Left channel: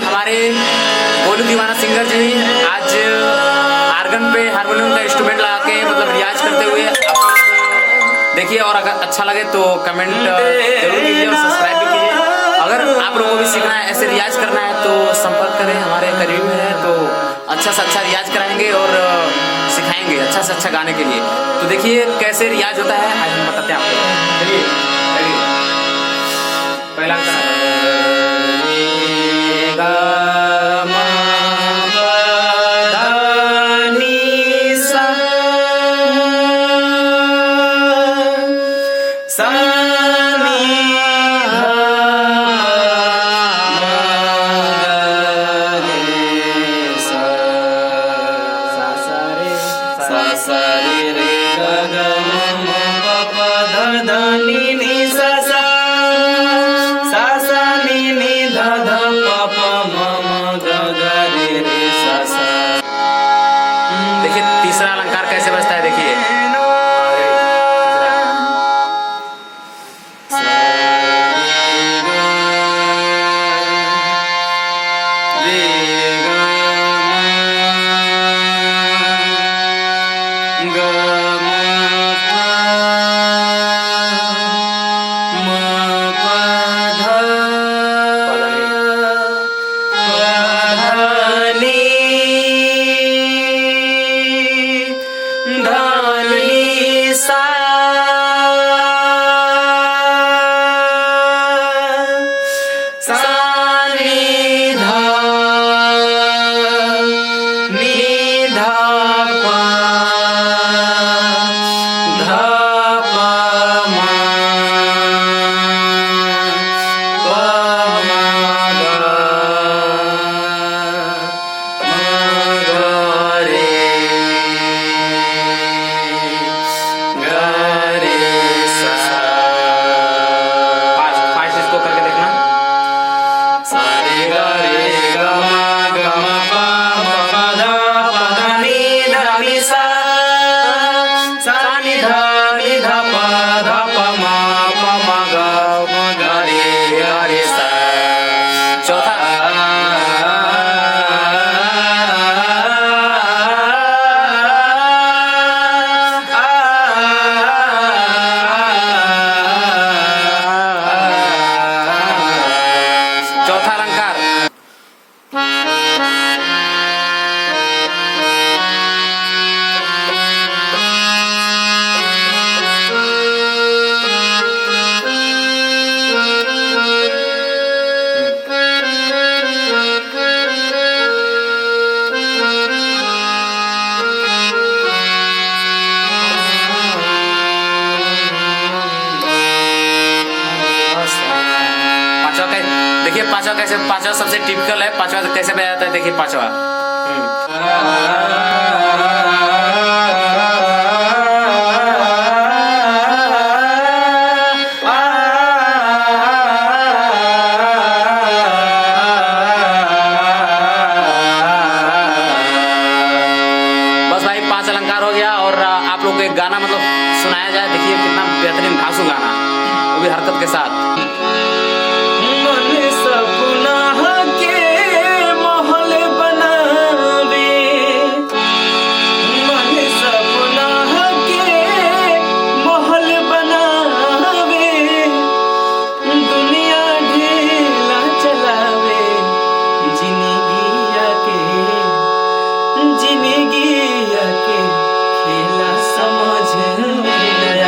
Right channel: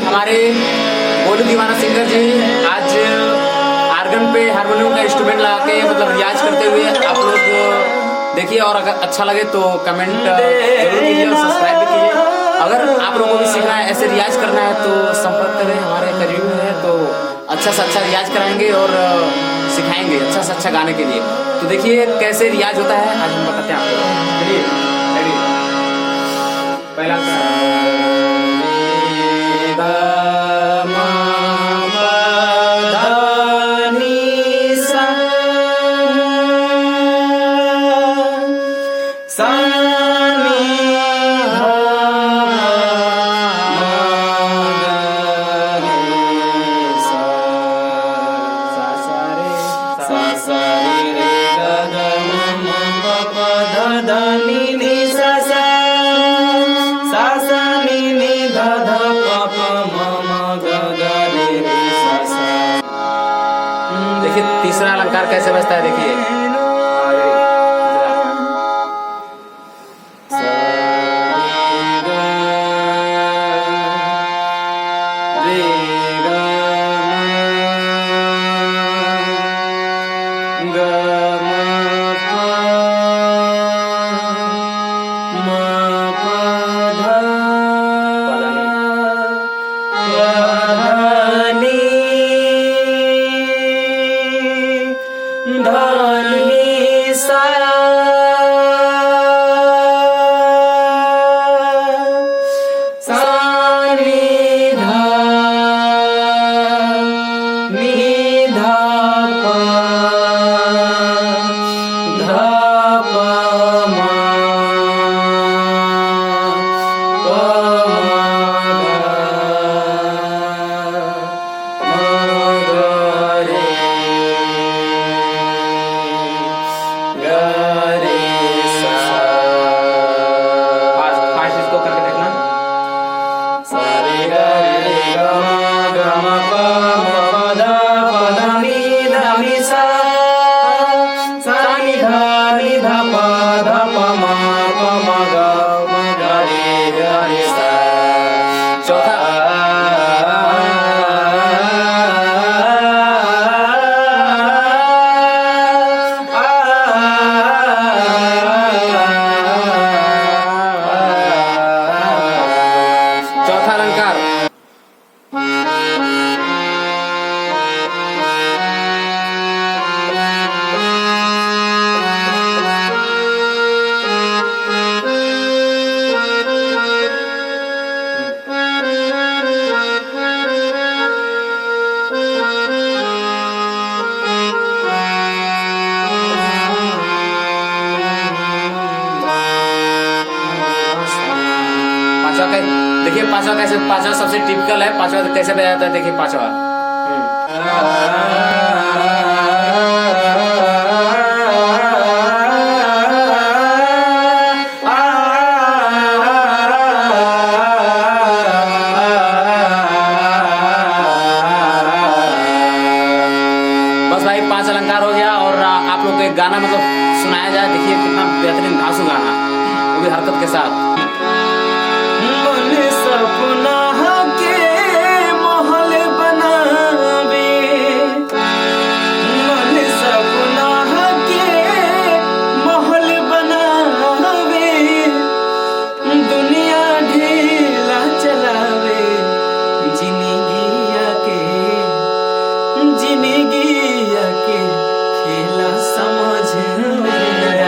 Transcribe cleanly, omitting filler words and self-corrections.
हमारे गोलू दीवाना सिंगर जी आज आर्गन पे हारमोनियम का इंस्ट्रूमेंट लगा के मतलब रियाज करते हुए आप लोग देखिए। और अगर अच्छा लगे तो कमेंट जरूर कीजिए और सब्सक्राइब भी कीजिए। अगर आप लोगों को भी सीखना है, ऐसे रियाज करना है तो संपर्क करें, हमारे करीब में है तो अच्छा से अच्छा रियाज कराएंगे और सिखाएंगे अच्छा से अच्छा गाने के लिए। तो देखिए कैसे रियाज होता है आज हम बताते हैं आपको। चलिए पहला देखिए तीसरा अलंकार कैसे बजता है। देखिए करके देखना। सारे गा रे गा मा पा मा पा धा नी धा नी सा नी धा पा मा गा रे सा। चौथा अलंकार देखिए पांचवा कैसे, पांचवा सबसे टिपिकल है। पांचवा कैसे बजाया जाता है देखिए पांचवा। बस भाई 5 अलंकार हो गया और आप लोग को एक गाना मतलब सुनाया जाए। देखिए कितना बेहतरीन धांसू गाना, वो भी हरकत के साथ। सपना के महल बनावे, मन सपना के महल बनावे, दुनिया ढेला चलावे, जिंदगिया के खेला समझ में